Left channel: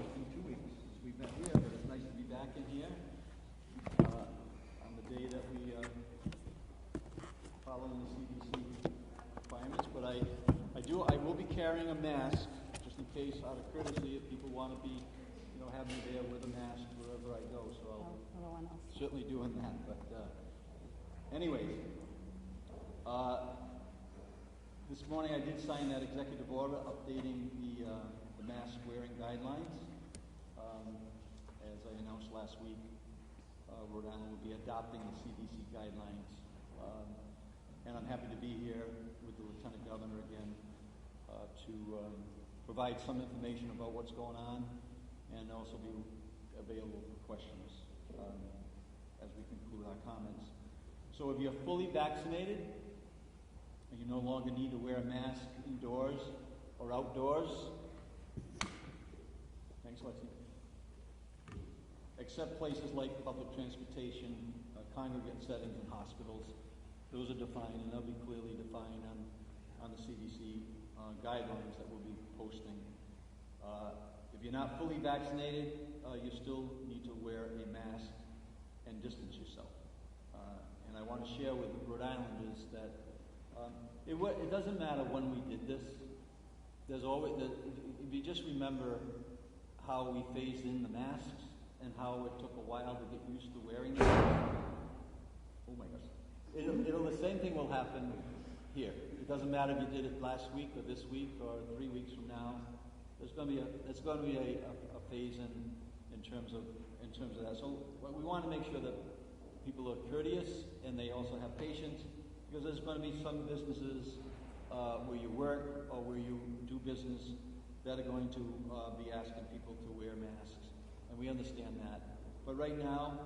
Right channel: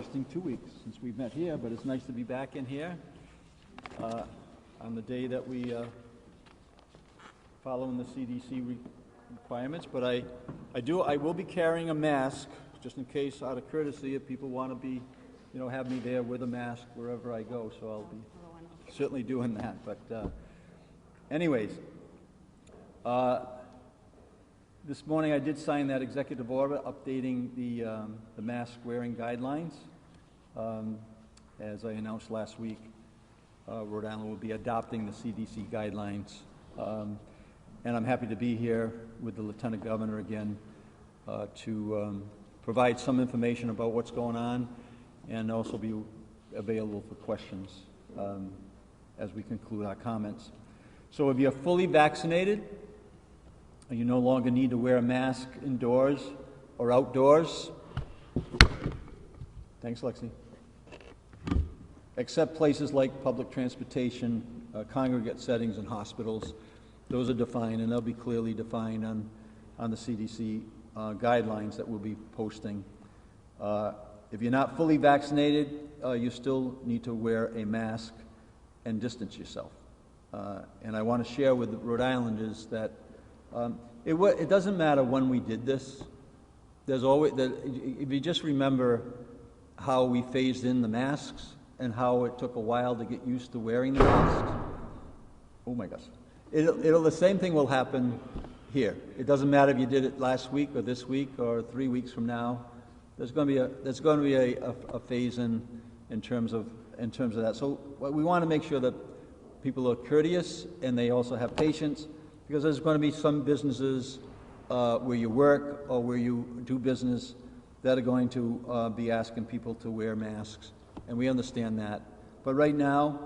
interesting 2 weeks since we've met here, but it's nice to be back in here on the day that we following the CDC requirements. But I will be carrying a mask just in case, out of courtesy, if people want to be, have me there with a mask wherever I go. So I'll be certainly doing that. But anyways. This morning I did sign that executive order updating the mask wearing guidelines. As I announced last week, Rhode Island will be adopting the CDC guidelines. And I'm happy to be here with the Lieutenant Governor again to provide some information about what's going on and also be available for questions as we conclude our comments. So if you're fully vaccinated, you no longer need to wear a mask indoors or outdoors. Thanks, Lexi. Except places like public transportation, congregate settings, and hospitals. Those are defined, and they'll be clearly defined on the CDC guidelines that we'll be posting. If you're not fully vaccinated, you still need to wear a mask and distance yourself. And I want to share with the Rhode Islanders that it doesn't matter when we did this. There's always, if you just remember how we phased in the masks and how it took a while to get used to wearing the masks. Oh my gosh. The same thing will happen here. It doesn't matter if you did it last week or this week or 3 weeks from now. There's going to be a phase in terms of that. So we want to make sure that people are courteous and they also have patience, because there's going to be some businesses where you work or where you do business that are going to be asking people to wear masks, and we understand that. But right now,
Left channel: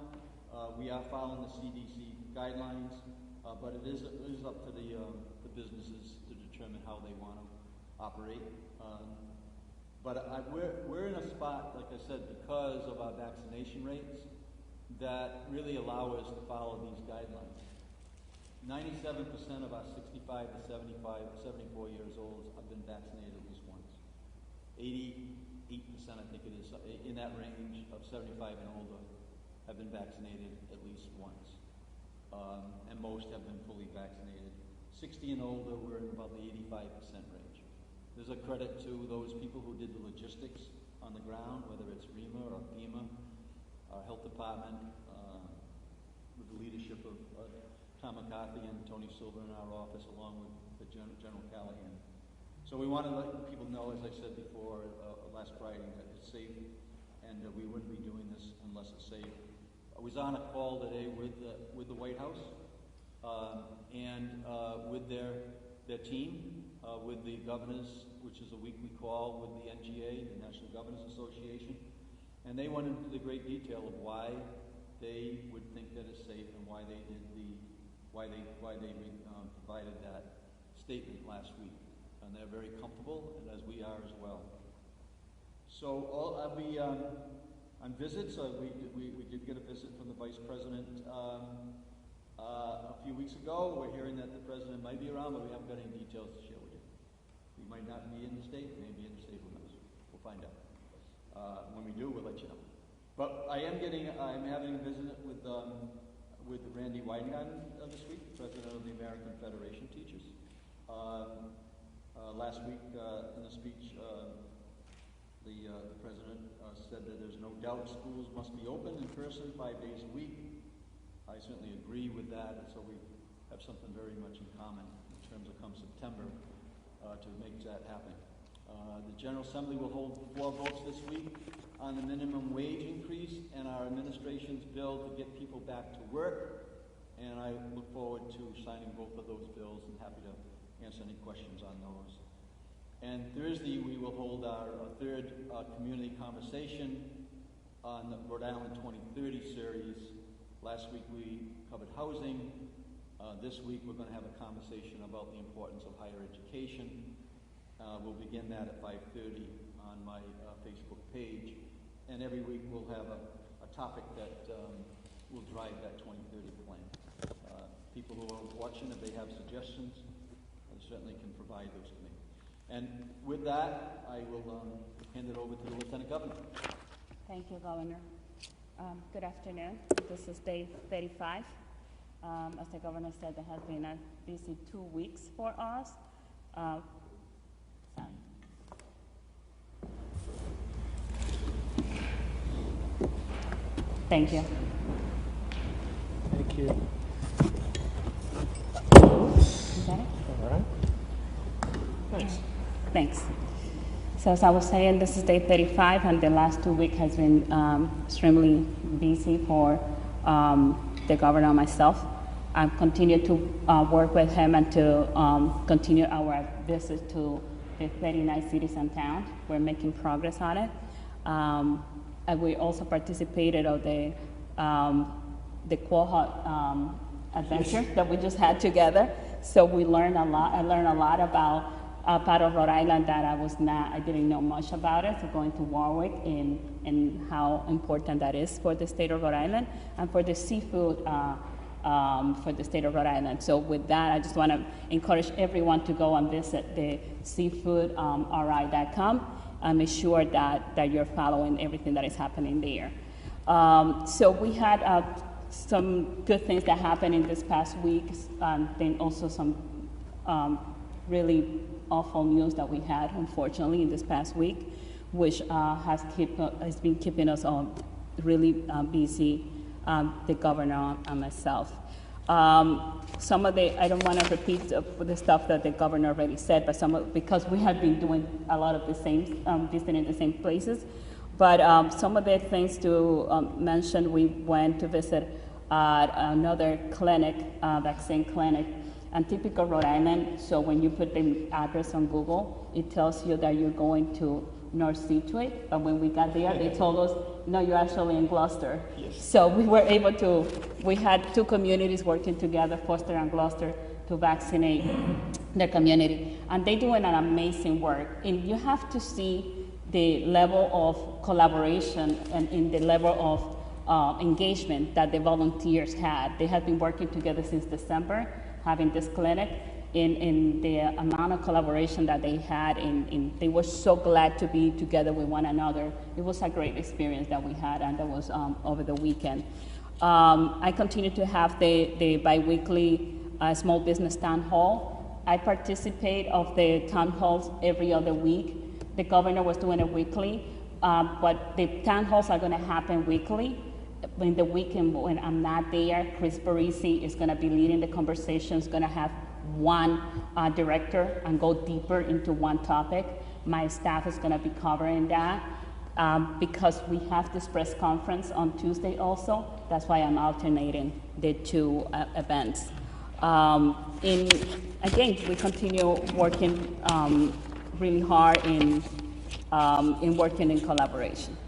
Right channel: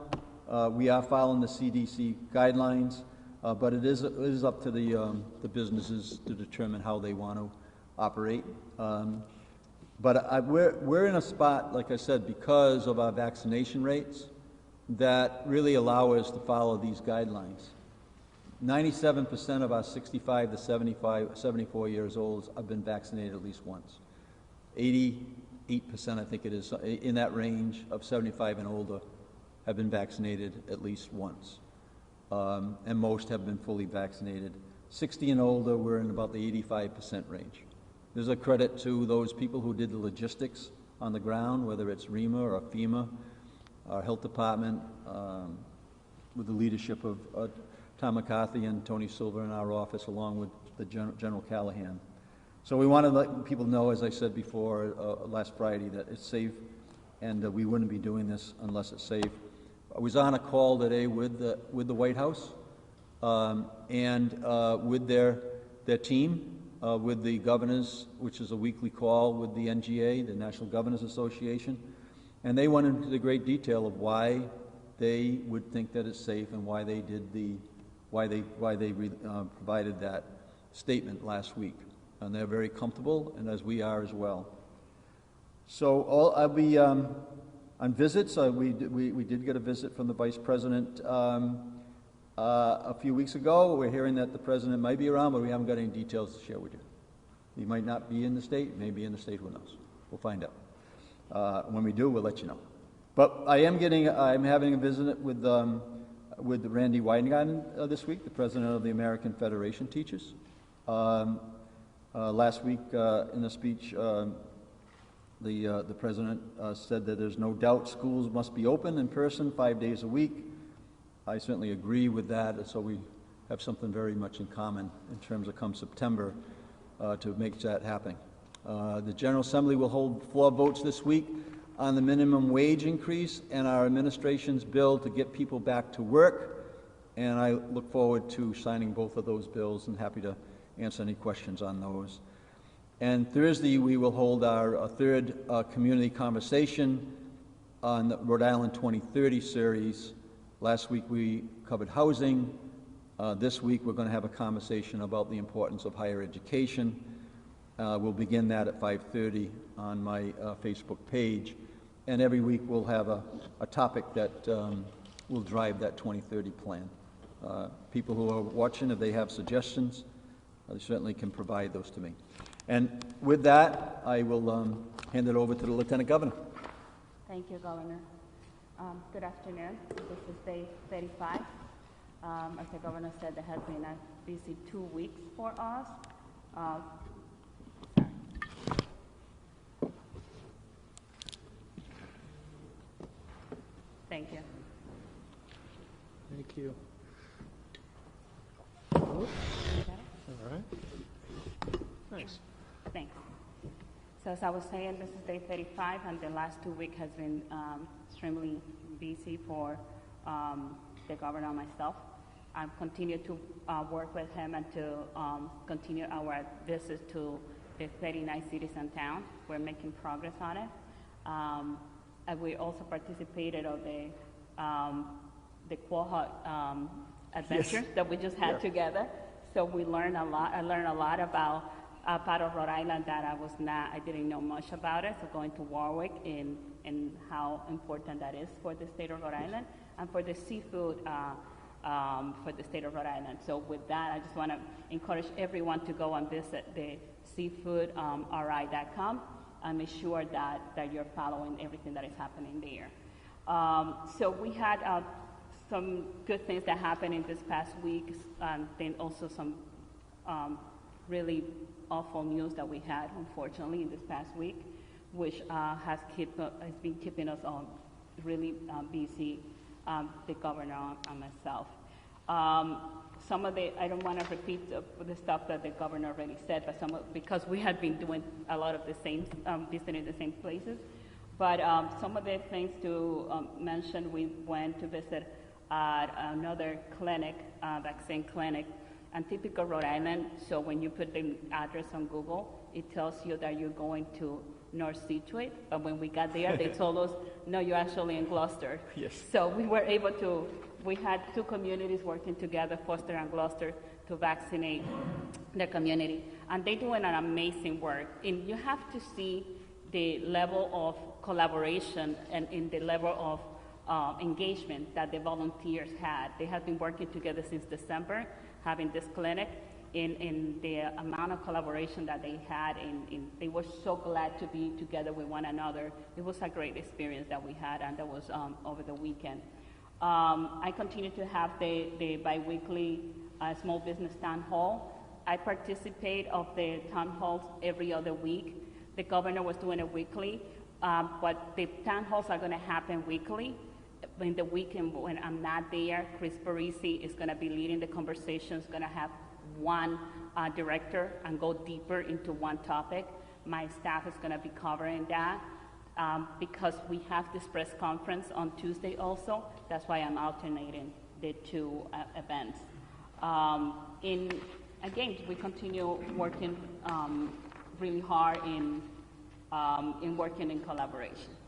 we are following the CDC guidelines, but it is up to the businesses to determine how they want to operate. But we're in a spot, like I said, because of our vaccination rates that really allow us to follow these guidelines. 97% of our 65 to 74 years old have been vaccinated at least once. 88%, I think it is, in that range of 75 and older have been vaccinated at least once. And most have been fully vaccinated. 60 and older, we're in about the 85% range. There's a credit to those people who did the logistics on the ground, whether it's REMA or FEMA, our health department, with the leadership of Tom McCarthy and Tony Silver in our office, along with the General Callahan. So we want to let people know, as I said before last Friday, that it's safe, and we wouldn't be doing this unless it's safe. I was on a call today with the White House and with their team, with the governors, which is a weekly call with the NGA, the National Governors Association, and they went into the great detail of why they would think that it's safe and why they did provided that statement last week. And they're very comfortable, and as we are as well. So I'll be on visits. We did get a visit from the Vice President a few weeks ago. We're hearing that the President might be around, but we haven't got any details to share with you. He might not be in the state, may be in the state, who knows? We'll find out. When we do, we'll let you know. But I'm having a visit with Randy Weidengarten this week, the President of the American Federation Teachers. Last week, in a speech, the President said that there's no doubt schools must be open in person 5 days a week. I certainly agree with that, and so we have something very much in common in terms of come September to make that happen. The General Assembly will hold 4 votes this week on the minimum wage increase and our administration's bill to get people back to work, and I look forward to signing both of those bills and happy to answer any questions on those. And Thursday we will hold our third community conversation on the Rhode Island 2030 series. Last week we covered housing. This week we're going to have a conversation about the importance of higher education. We'll begin that at 5:30 on my Facebook page. And every week we'll have a topic that will drive that 2030 plan. People who are watching, if they have suggestions, they certainly can provide those to me. And with that, I will hand it over to the Lieutenant Governor. Thank you, Governor. Good afternoon. This is day 35. As the Governor said, it has been a busy 2 weeks for us. Thank you. Thank you. Is that it? All right. Thanks. Thanks. So as I was saying, this is day 35, and the last 2 weeks has been extremely busy for the governor and myself. I've continued to work with him and to continue our visit to the 39 cities and towns. We're making progress on it. And we also participated of the Quahog adventure that we just had together. So we learned a lot. I learned a lot about a part of Rhode Island that I didn't know much about it. So going to Warwick and how important that is for the state of Rhode Island and for the seafood for the state of Rhode Island. So with that, I just want to encourage everyone to go and visit the seafoodri.com and make sure that you're following everything that is happening there. So we had some good things that happened in this past week, and then also some really awful news that we had, unfortunately, in this past week, which has been keeping us all really busy, the governor and myself. Some of the, I don't want to repeat the stuff that the governor already said, but because we have been doing a lot of the same, visiting the same places. But some of the things to mention, we went to visit another clinic, vaccine clinic, and typical Rhode Island. So when you put the address on Google, it tells you that you're going to North Situate. But when we got there, they told us, no, you're actually in Gloucester. Yes. So we were able to, we had two communities working together, Foster and Gloucester, to vaccinate their community. And they're doing an amazing work. And you have to see the level of collaboration and in the level of engagement that the volunteers had. They had been working together since December, having this clinic, in the amount of collaboration that they had, and they were so glad to be together with one another. It was a great experience that we had, and that was over the weekend. I continue to have the bi-weekly small business town hall. I participate of the town halls every other week. The governor was doing it weekly, but the town halls are gonna happen weekly. In the weekend when I'm not there, Chris Barisi is gonna be leading the conversations, gonna have one director and go deeper into one topic. My staff is gonna be covering that because we have this press conference on Tuesday also. That's why I'm alternating the two events. And again, we continue working really hard in working in collaboration.